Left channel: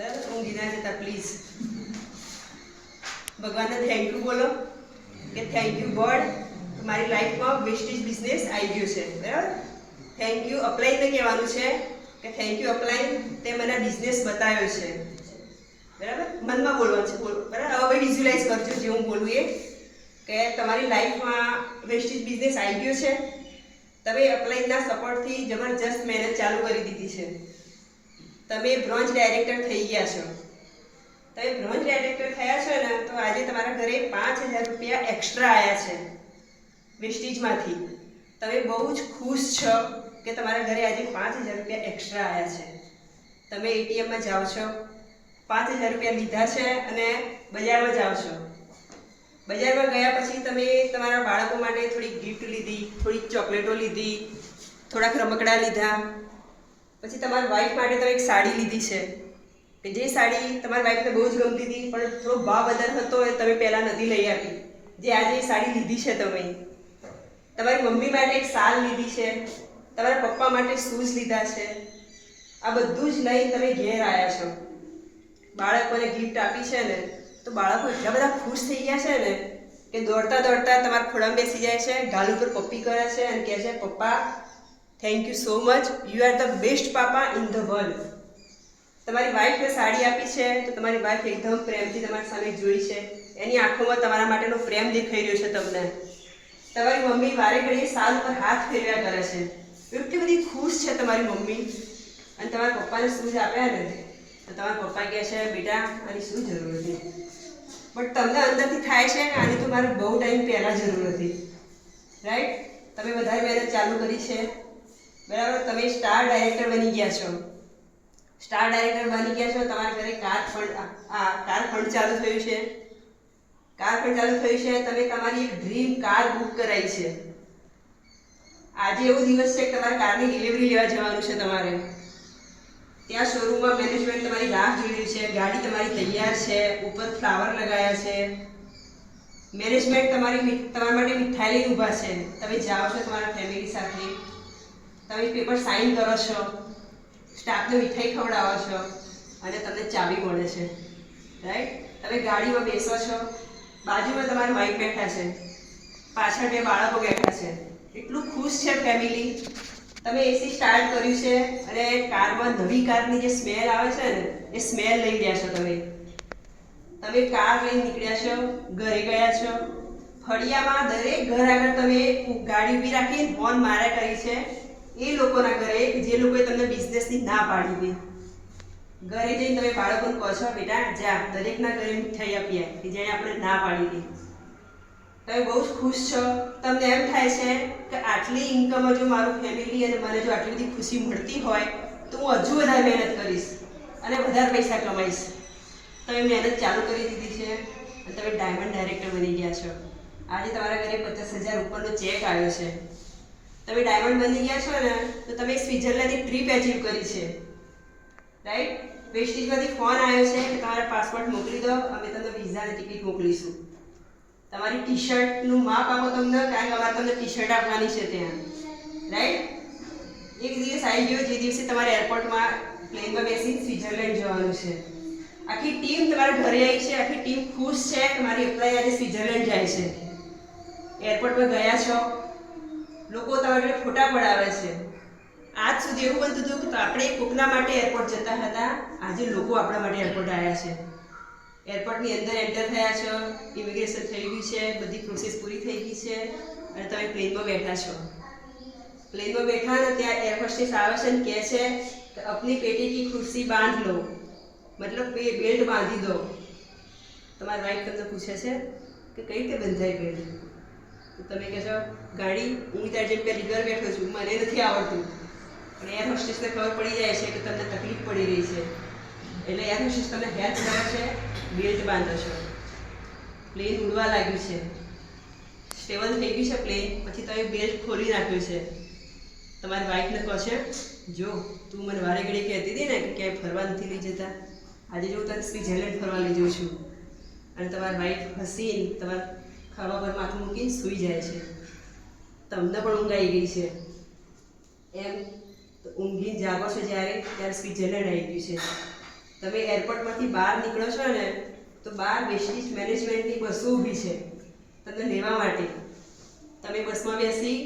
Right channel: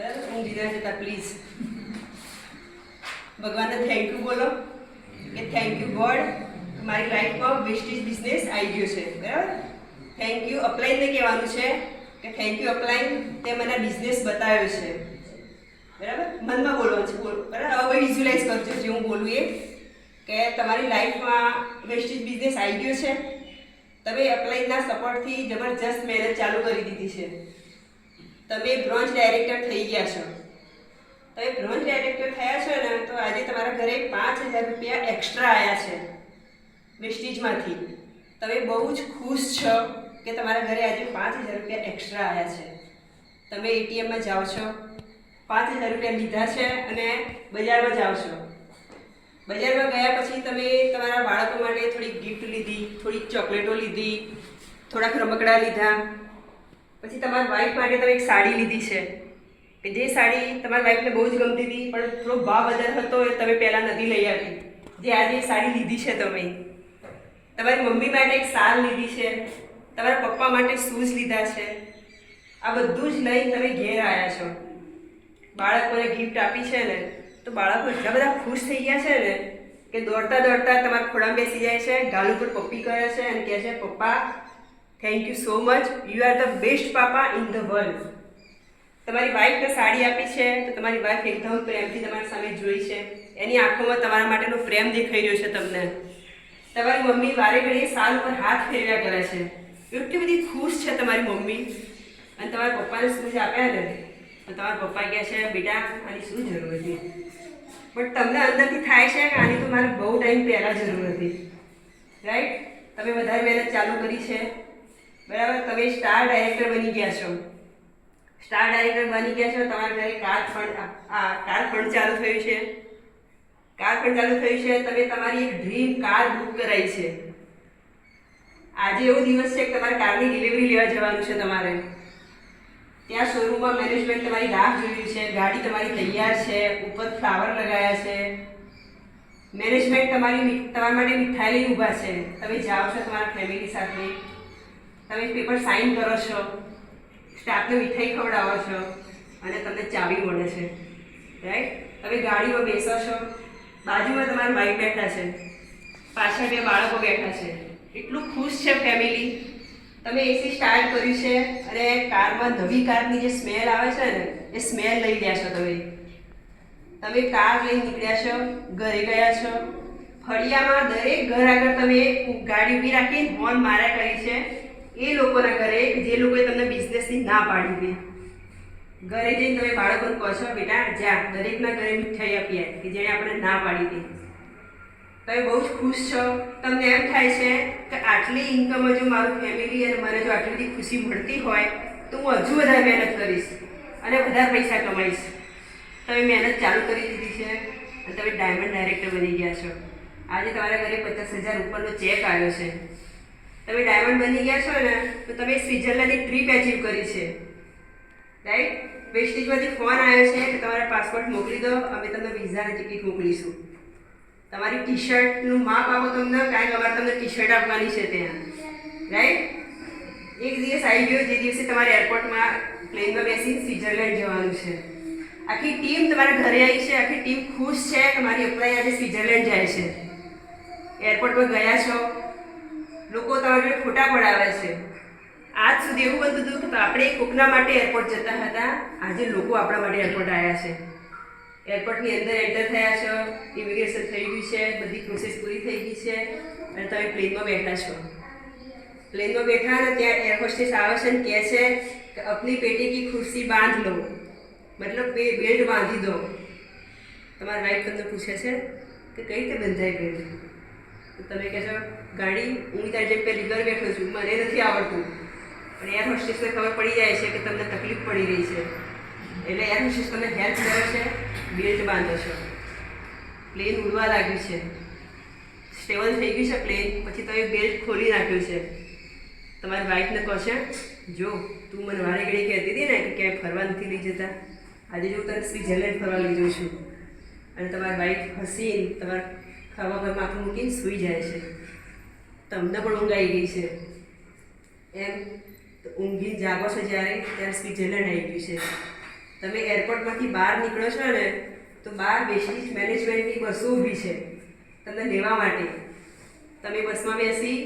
બરાબર, ઊંઘી ના જતા પ્લીઝ. ભગવાનને થેન્ક યુ બોલો કે થેન્ક યુ ગોડ, મારી લાઈફમાં વેસ્ટેજ બિઝનેસ આવી ગયો છે. બરાબર, થેન્ક યુ અપલાઈનને કહેવાનું છે કે થેન્ક યુ અપલાઈન, તે મને બિઝનેસ બતાવ્યો છે. બરાબર, મનમાં બોલવાનું છે. બરાબર, હવે ભાઈ વિઝ્યુલાઇઝ કરજો જે હું બોલું એ, કે તમારી લાઈફમાં વેસ્ટેજ બિઝનેસ આવી ગયો છે. તમે અપલાઈનના સપોર્ટથી જબરજસ્ત મહેનત ચાલુ કરી દીધી છે. તમે બ્રોન્ઝ ડાયરેક્ટર થઈ ગયા છો. તમે બ્રોન્ઝ ડાયરેક્ટર થયા છો ને, તો આજે તમારા ઘરે 5,000 રૂપિયા એક્સ્ટ્રા આવ્યા છે વેસ્ટેજમાંથી. તમે બહુ જ ખુશ છો કે તમારા ઘરે આજે 5,000 રૂપિયા એક્સ્ટ્રા આવ્યા છે. તમે એટીએમમાં જાઓ છો, 5,000 રૂપિયા લીધા છે અને બજારમાં જાઓ છો. બજારમાં ગયા પછી તમે તમારા બાળકો માટે થોડીક ગિફ્ટ લીધી, થોડીક ચોકલેટો લીધી, થોડાક રમકડા લીધા. પછી તમારા વાઈફ માટે તમે એક સાડી લીધી છે, કે જે સાડી તમારા વાઈફને બહુ જ ગમતી હતી, પણ થોડો ભાવ વધારે હતો એ તમે પહેલાં નથી લઈ આપી, જે આજે એ સાડી લીધી છે. તમે તમારી મમ્મી માટે એક શાલ લીધી છે, તમારા પપ્પા માટે શૂઝ લીધા છે. આ બધું જ લઈને તમે ઘેર આવ્યા છો. બાળકોને ગિફ્ટ આપી છે ને, તો બાળકો એટલા બધા ખુશ થઈ ગયા છે ને કે દોડતા દોડતા તમારા ખોળામાં બેસી જાય છે, ગાલ ઉપર પપ્પી કરે છે અને કહે છે, પપ્પા thank you so much, you are the best papa in the world. તમારી વાઈફને સાડી આપી છે, તો તમારી વાઈફ એકદમ પ્રેમથી તમારી સામે જોઈ છે. એની આંખોમાં તમારા માટેનો પ્રેમ દેખાઈ રહ્યો છે તમને. તમારી મમ્મી વારે ઘડીએ સાલ ઉપર હાથ ફેરવ્યા કરે છે. એટલી બધી ખુશ છે તમારી મમ્મી. અને તમારા પપ્પાને શૂઝ આપ્યા ને, તો તમારા પપ્પા કહે છે, બેટા આની શું જરૂર હતી? બટ તમને અંદરથી થાય છે કે આની તો મારે બહુ ટાઈમ પહેલાં જરૂર હતી. રાઈટ? તમે વધારે મહેનત ચાલુ કરી છે. બરાબર, તમે સ્ટાર ડાયરેક્ટર બની ગયા છો. સ્ટાર ડાયરેક્ટર બની ગયા છો. તમારા ઘરે કાર ફંડ ચાલુ થયું છે. કાર ફંડ ચાલુ થયું છે. તમે તમારી એક ડ્રીમ કાર બુક કરાવી છે. આજે એવો દિવસ છે કે તમારા કારની ડિલિવરી લેવા જવાનું છે. તમારે ત્યાં શોરૂમમાં મેનેજમેન્ટ તમારી રાહ જોઈ રહ્યું છે. ગાડી તમારી તૈયાર છે, ઉપર ફ્લાવર લગાવ્યા છે. મેનેજમેન્ટ તમારા માટે મીઠાઈ લઈને ઊભા છે. તમે જાઓ છો તમારા ફેમિલી સાથે, તમે પેપર સાઇન કરો છો, સ્ટાફને મીઠાઈ ખવડાવો છો અને તમને ચાવી મળે છે. રાઈટ? તમે ગાડીમાં બેસો છો, બાજુમાં તમારા વાઈફ બેઠા છે, પાછળ 2 બાળકો બેઠા છે. એટલું ખુશ છે ફેમિલી. તમે એસી સ્ટાર્ટ કર્યું છે અને કારમાં નવી કારની જે સ્મેલ આવે છે ને, એ સ્મેલ લઈ ગયા છો. તમે કાર લઈને નીકળ્યા છો, ઘરે ગયા છો. ફળિયામાં દરેક ઘર આગળ તમે ગાડી ઊભી રાખી હોર્ન માર્યા કરી છે. એ લોકોના ઘરે જે લોકોએ તમને બિઝનેસની ના પાડી હતી. ઘરે જઈને તમે બાળકોને કહો છો, બેટા જા દરેકના ઘરે મીઠાઈ આપી કે જેણે આપણે ના પાડી હતી. તમે બહુ જ ખુશ છો. તમને એમ થાય છે કે આટલી ઇન્કમ જો મારું ફેમિલી અને મને જો આટલી બધી ખુશી મળતી હોય તો હું હજુ વધારે મહેનત કરીશ અને વધારે પૈસા કમાઈશ. તમે મહેનત ચાલુ કરી દીધી છે અને તમે ડાયમંડ ડાયરેક્ટર બની ગયા છો. આજે તમારા ઘરે 50,000 ઉપરનો ચેક આવ્યો છે. તમે ડાયમંડ બની ગયા છો ને, તો તમે સ્વિટ્ઝરલેન્ડની ટ્રીપ અચીવ કરી છે. રાઈટ? વેસ્ટેજમાંથી ફોન આવ્યો છે કે તમારા પાસપોર્ટ મોકલી દો, અમે તમને વિઝાની ટિકિટ મોકલીશું. તમારી ટી શર્ટનું માપ આપો તમને, કારણ કે અમારે તમને ટી શર્ટ આપવાની છે ત્યાં. રાઈટ? એક દિવસ આવી ગયો જે દિવસે તમારે એરપોર્ટમાં પ્લેનમાં બેસી સ્વિટ્ઝરલેન્ડ જવાનું છે. આખી ટીમ તમારા ઘરે આવી છે. આખી ટીમ ખુશ છે કે મારી અપ્લાય આજે સ્વિટ્ઝરલેન્ડ જાય છે. એરપોર્ટમાં ગયા છો, લોકો તમારા જોડે ફોટા પડાવે છે. આજ સુધી એવું બનતું હતું કે આપણે કોકના માટે એરપોર્ટ જતા હતા, આજે લોકો આપણા માટે એરપોર્ટ આવ્યા છે. એરપોર્ટની અંદર એન્ટર થયા છો, ઇમિગ્રેશન થઈ ગયું છે, બધી પ્રોસેસ પૂરી થઈ ગઈ છે અને તમે પ્લેનમાં બેઠા છો. પ્લેનમાં બેઠા ને ત્યાં એર હોસ્ટેસ આવે છે ને કહે છે કે અપની પેટી કી ખુરશી બાંધ લો, મતલબ બેલ્ટ બાંધી દો. તમારા વાઈફ તમને પૂછે છે કે કઈ રીતે બંધાઈ બેલ્ટ? તો તમે કહેશો, ગાડી હું તારી જેમ પહેલી ઘર બેઠો છું, મને નથી આવડતું. પણ એર હોસ્ટેસને ખબર પડી જાય છે કે તમને તકલીફ પડી રહી છે, એટલે એર હોસ્ટેસ તમને હેલ્પ કરે છે, બેલ્ટ બાંધો છો. પ્લેન ઉડવા લાગ્યું છે, સ્ટેબલ થઈ ગયું છે પ્લેન. પછી તમે બેલ્ટ ખોલી નાખ્યું છે. તમારી વાઈફને કહો છે, જો તું મને વારે ઘડી કહેતી હતી ને કે ક્યાંય ફરવા નથી લઈ જતા, આજે જો તને સ્વિટ્ઝરલેન્ડ ફરવા લઈ જઉં છું. અને તમારી વાઈફ હસીને તમારા ખભા પર માથું મૂકીને સૂઈ જાય છે. તમને પણ ઊંઘ આવી ગઈ છે. એમ ઊંઘી જાગો છો જ્યારે, ત્યારે સ્વિટ્ઝરલેન્ડ આવી ગયું છે. તમે એરપોર્ટમાંથી બહાર નીકળો છો ને તો બહાર વેસ્ટેજ મેનેજમેન્ટની બસો ઊભી છે તમને લેવા માટે. તમે બસમાં બેસી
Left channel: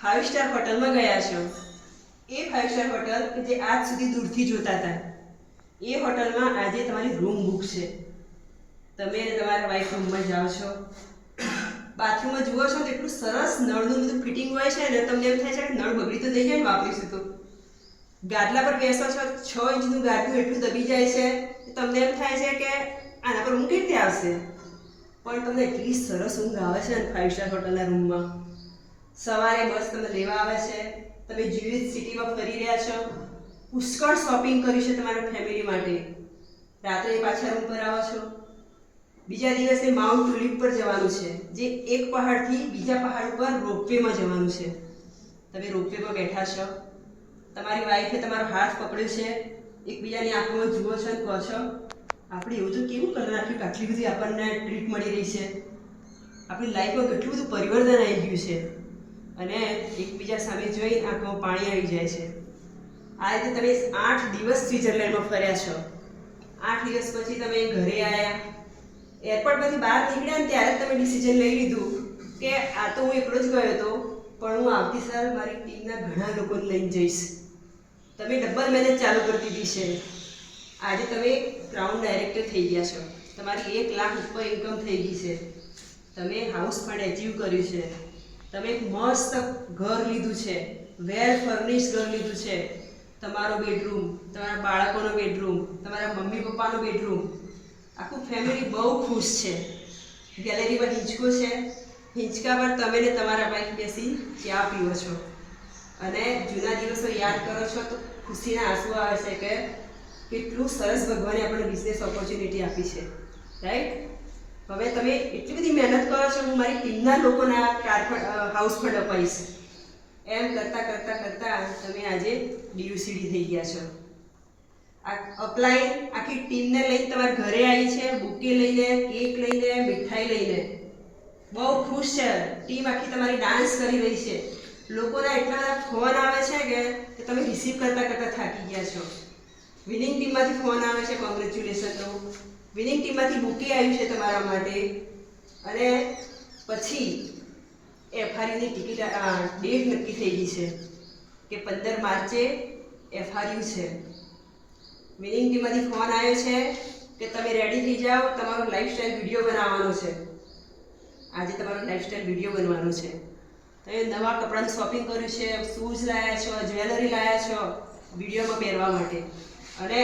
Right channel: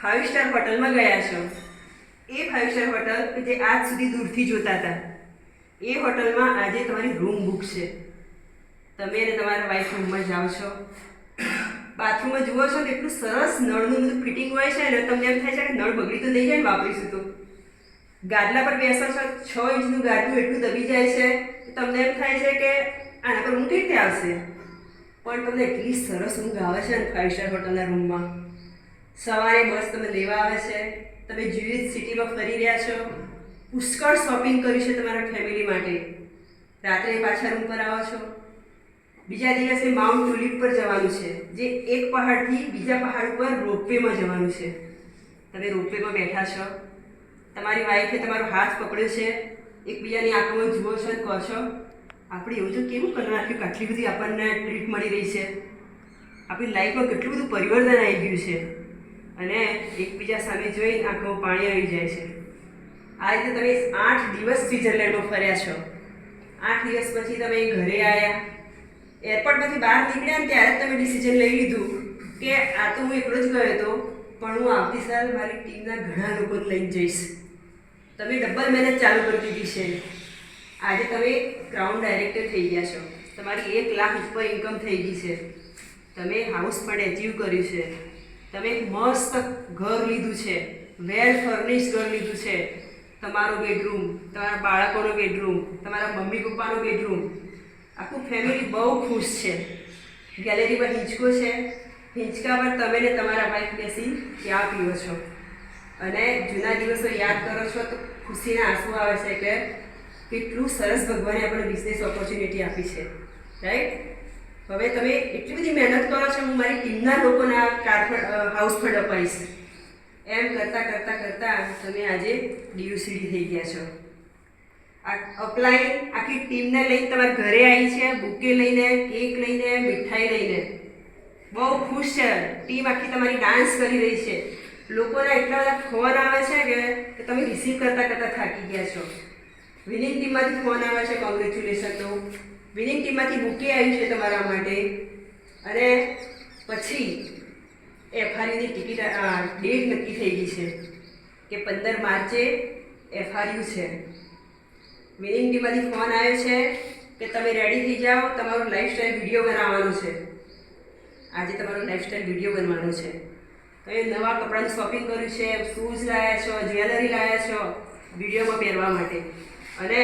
5 સ્ટાર હોટલમાં ગયા છો. એ 5 સ્ટાર હોટલ કે જે આજ સુધી દૂરથી જોતા હતા, એ હોટલમાં આજે તમારી રૂમ બુક છે. તમે અને તમારા વાઈફ રૂમમાં જાઓ છો, બાથરૂમમાં જુઓ છો તો એટલું સરસ નળનું બધું ફિટિંગ હોય છે ને તમને એમ થાય છે કે નળ બગડી તો નહીં જાય ને વાપરીશું તો. ગાદલા પર બેસો છો, 6 ઇંચનું ગાદલું એટલું દબી જાય છે તમને એમ થાય છે કે આના પર ઊંઘ કેવી રીતે આવશે, પણ તમને એટલી સરસ ઊંઘ આવે છે ને 5 સ્ટાર હોટલના રૂમમાં. સવારે બસ તમને લેવા આવે છે, તમે જ્યુરિચ સિટીમાં ફરી રહ્યા છો, પુષ્કળ શોપિંગ કરી છે તમારા ફેમિલી માટે. રાત્રે પાછા રૂમ પર આવો છો. બીજા દિવસે માઉન્ટ ટુલિપ પર જવાનું છે, જે એક પહાડથી બીજા પહાડ ઉપર રોપવેમાં જવાનું છે. તમે રોપવેમાં બેઠા છો, તમારી વાઈફે તમારો હાથ પકડ્યો છે, એકબીજાની આંખમાં જુઓ છો અને કહો છો આપણે એવું તો કેવું કરી નાખ્યું કે આટલી બધી આપણને ટ્રીટ મળી રહી છે, આપણી લાઈફમાં કેટલું બધું પરિવર્તન આવી ગયું છે. અને એકબીજા સામે જોઈ આંખમાં પાણી આવી જાય છે. આ રીતે તમે 8 દિવસ સ્વિટ્ઝરલેન્ડમાં ફર્યા છો. 8 દિવસ પછી તમે ઘરે આવ્યા, એરપોર્ટમાંથી બહાર નીકળ્યા ને ત્યારે તમે ડિસિઝન લઈ લીધું કે આ તો હું એકલો જ ગયો હતો, પણ હું આવતી સાલ મારી ટીમના ઘણા લોકોને લઈને જઈશ. તમે ડબલ મહેનત ચાલુ કરી દીધી છે. આજે તમે ક્રાઉન ડાયરેક્ટર થઈ ગયા છો, તમારી 1 લાખ ઉપર ઇન્કમ થઈ ગઈ છે, તમે હાઉસ ફંડ એચીવ કર્યું છે, તમે એક મસ્ત ઘર લીધું છે, વેલ ફર્નિશ્ડ ઘર લીધું છે. તમારો બેડરૂમ, તમારા બાળકોનો બેડરૂમ, તમારા મમ્મી પપ્પાનો બેડરૂમ, આખું ફેમિલી બહુ ખુશ છે. ગેલેરી પર હિંચકો છે, હિંચકા પર તમે ને તમારા વાઈફ બેસી ચા પીઓ છો અને જૂના દિવસો યાદ કરો છો તો ખુશીના આંસુ આવે છે કે કેટલું સરસ ભગવાને આપણને બિઝનેસ ઓપોર્ચ્યુનિટી આપી છે, રાઈટ? હવે તમે એટલી બધી મહેનત કરો છો, હું મારી ટીમના લોકોને આ હાઉસ ફંડ અપાઈશ. એમ કરતાં કરતાં કરતાં તમે આજે ડીયુસીડી થઈ ગયા છો. આ અપલાઈન આખી ટીમને લઈને તમારા ઘરે આવી છે, બુકે લઈને, કેક લઈને, મીઠાઈ લઈને. બહુ ખુશ છે ટીમ આખી, તમારી ડાન્સ કરી રહી છે. લોકોના એટલા બધા ફોન આવે છે કે તમે રિસીવ કરતાં કરતાં થાકી ગયા છો. વિનિંગ ટીમમાંથી ફોન આવે છે, કોંગ્રેચ્યુલેશનનો. વિનિંગ ટીમમાંથી બુકે આવ્યું છે તમારા માટે. અને પછી એફઆરયુની ટિકિટ ડેટ નક્કી થઈ ગઈ છે કે 15 માર્ચે એફઆરયુ છે. વિનિંગ ટીમમાંથી ફોન આવ્યો છે કે તમે રેડી થઈ જાઓ, તમારો લાઈફસ્ટાઈલ વિડીયો બનાવવાનો છે. આજે તમારો લાઈફસ્ટાઈલ વિડીયો બનવાનો છે. તમે નવા કપડાનું શોપિંગ કર્યું છે, શૂઝ લાવ્યા છો, જ્વેલરી લાવ્યા છો વિડીયોમાં પહેરવા માટે. અને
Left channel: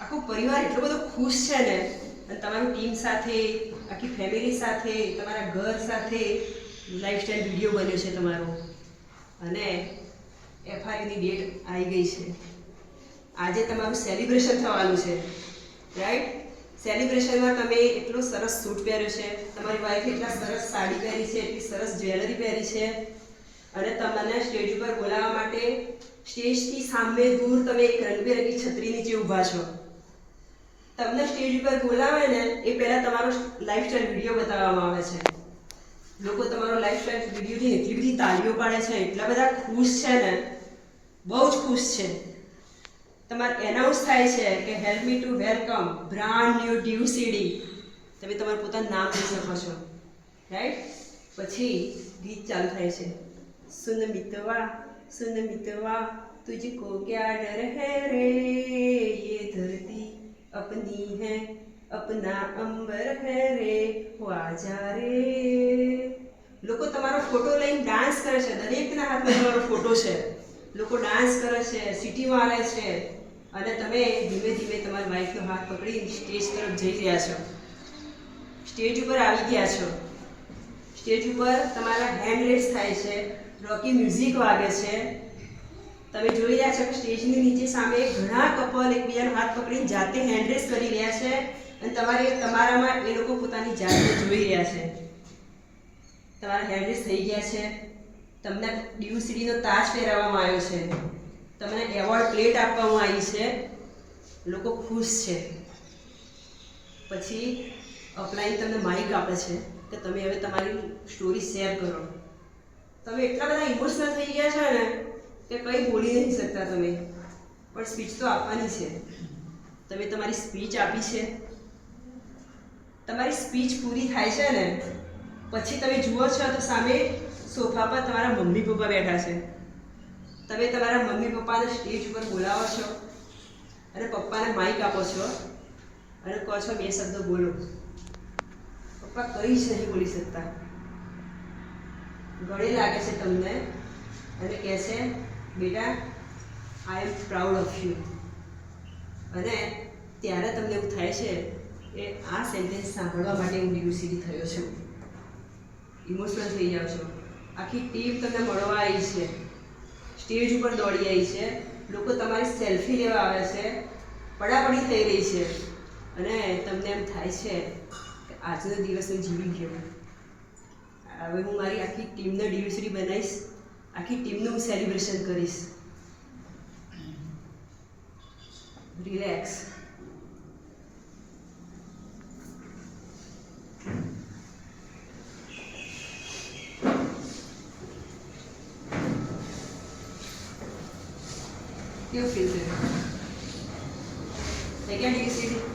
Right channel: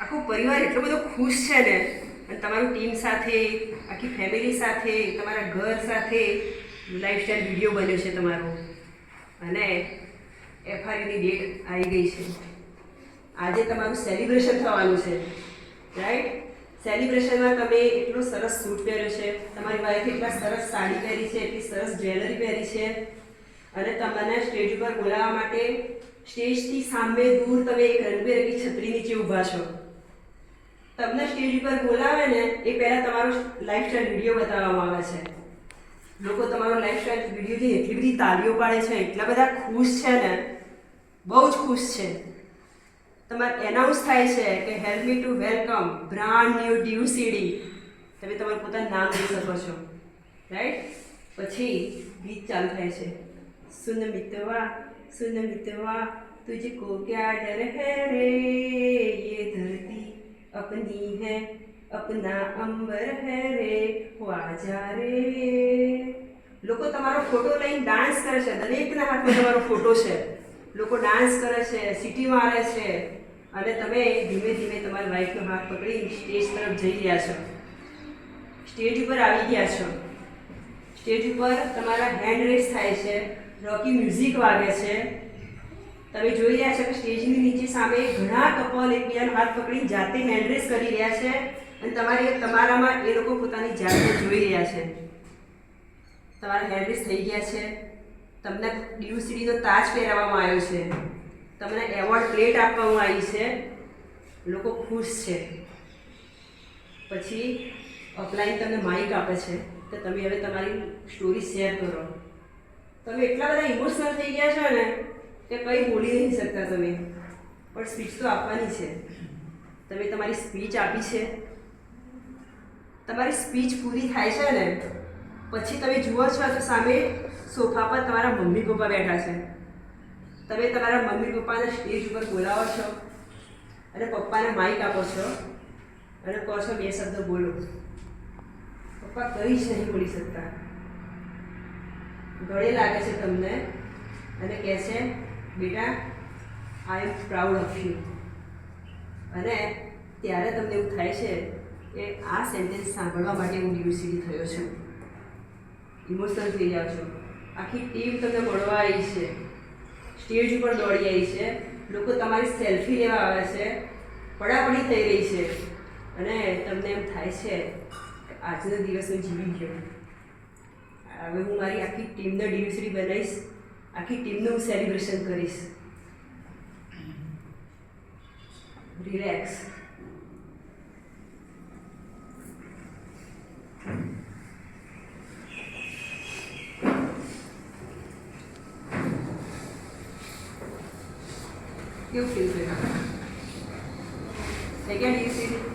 આખું પરિવાર એટલો બધો ખુશ છે ને, અને તમારું ટીમ સાથે, આખી ફેમિલી સાથે, તમારા ઘર સાથે લાઈફસ્ટાઈલ વિડીયો બન્યો છે તમારો. અને એફઆરયુની ડેટ આવી ગઈ છે. આજે તમારું સેલિબ્રેશન થવાનું છે, રાઈટ? સેલિબ્રેશનમાં તમે એટલો સરસ સૂટ પહેર્યો છે, તમારી વાઈફે એટલા સરસ સાડી પહેરી છે, એટલી સરસ જ્વેલરી પહેરી છે, અને તમને સ્ટેજ ઉપર બોલાવવા માટે સ્ટેજથી સામે દૂર તમે એક રંગબેરંગી છત્રી નીચે ઊભા છો. તમને સ્ટેજ ઉપર બોલાવે ને એ પહેલાં તમારો લાઈફસ્ટાઈલ વિડીયો બતાવવામાં આવે છે. લોકો તમારો લાઈફસ્ટાઈલ વિડીયોથી એટલી બધી તાળીઓ પાડે છે, એટલા બધા ખુશ છે ને, બહુ જ ખુશ છે. તમારે એનાઉન્સ થાય છે કે help me to welcome brand new ડીયુસીડી. તમે તમારું પોતાનું નામ લઈ શકો છો, રાઈટ? પછી ગીત ચાલુ થાય છે. સુન મિતવા તુझको क्या डर है रे, ये धरती अपनी है अपना अंबर है रे, आजा રે. લોકો તમારો ફોટો લઈને ડાન્સ કરે છે, દરેકના હાથમાં તમારો ફોટો છે. લોકો ડાન્સ કરે છે, સીટી મારે છે, અને તમે ધીમે ધીમે તમારી વાઈફનો હાથ પકડી સ્ટેજ તરફ જઈ રહ્યા છો. સ્ટેજ ઉપર આવી ગયા છો. સ્ટેજ ઉપર તમારા હેન્ડ રેસ થાય છે, રોકી મ્યુઝિક વાગે છે. તમે જોઈ રહ્યા છો કે સ્ટેજની નીચે સામે ઘણા કપલ એકબીજાનો હાથ પકડીને જાતે હેન્ડ રેસ કરી રહ્યા છે, અને તમારામાં એ લોકો પોતાની જાતને જોઈ રહ્યા છે. તમારા હેન્ડ રેસ થઈ ગયા છે. તમને ડીયુસીડીનો તાજ પહેરાવવામાં આવ્યો છે, તમને એવોર્ડ પ્લેટ આપવામાં આવી છે. લોકો ખુશ છે. પછી અપલાઈન તમને માઇક આપે છે કે તમે હવે તમારી સ્ટોરી શેર કરો. તમે એટલા બધા ઇમોશનલ થઈ ગયા છો ને કે કંઈ બોલી નહીં શકતા તમે, પણ સ્પીચ તો આપવાની છે. તમે તમારી સ્પીચ આપી છે, તમારી સ્પીચ પૂરી થાય છે ને પછી તમે જુઓ છો તો સામે સોફા પર તમારા મમ્મી પપ્પા બેઠા છે. તમે તમારા મમ્મી પપ્પાને સ્ટેજ ઉપર બોલાવો છો અને પપ્પાને માઇક આપો છો અને કહો છો 2 શબ્દો બોલો. પપ્પા કંઈ જ નહીં બોલી શકતા, ગળે લાગે છે તમને અને કહે છે બેટા આઈ એમ પ્રાઉડ ઓફ યુ. અને ત્યારે તમને એવું થાય છે કે આ સેન્ટેન્સ સાંભળવા માટે હું ડિવોર્સી થયો છું. ઇમોશનલ થઈ જાઓ છો. આખી ટીમ તમને મળવા આવી છે, સ્ટેજ ઉપર દોડી આવી છે, લોકો તમારી સેલ્ફી લેવા આવે છે, પડાપડી થઈ રહી છે અને તમને એમ થાય છે કે આજનો દિવસ હું જીવી ગયો. હવે હું મારી આખી ટીમને ડિવોર્સી બનાવીશ, આખી ટીમનું હું સેલિબ્રેશન કરીશ. રિલેક્સ. કેવું ફીલ થયું? જગ્યા ડિવોર્સી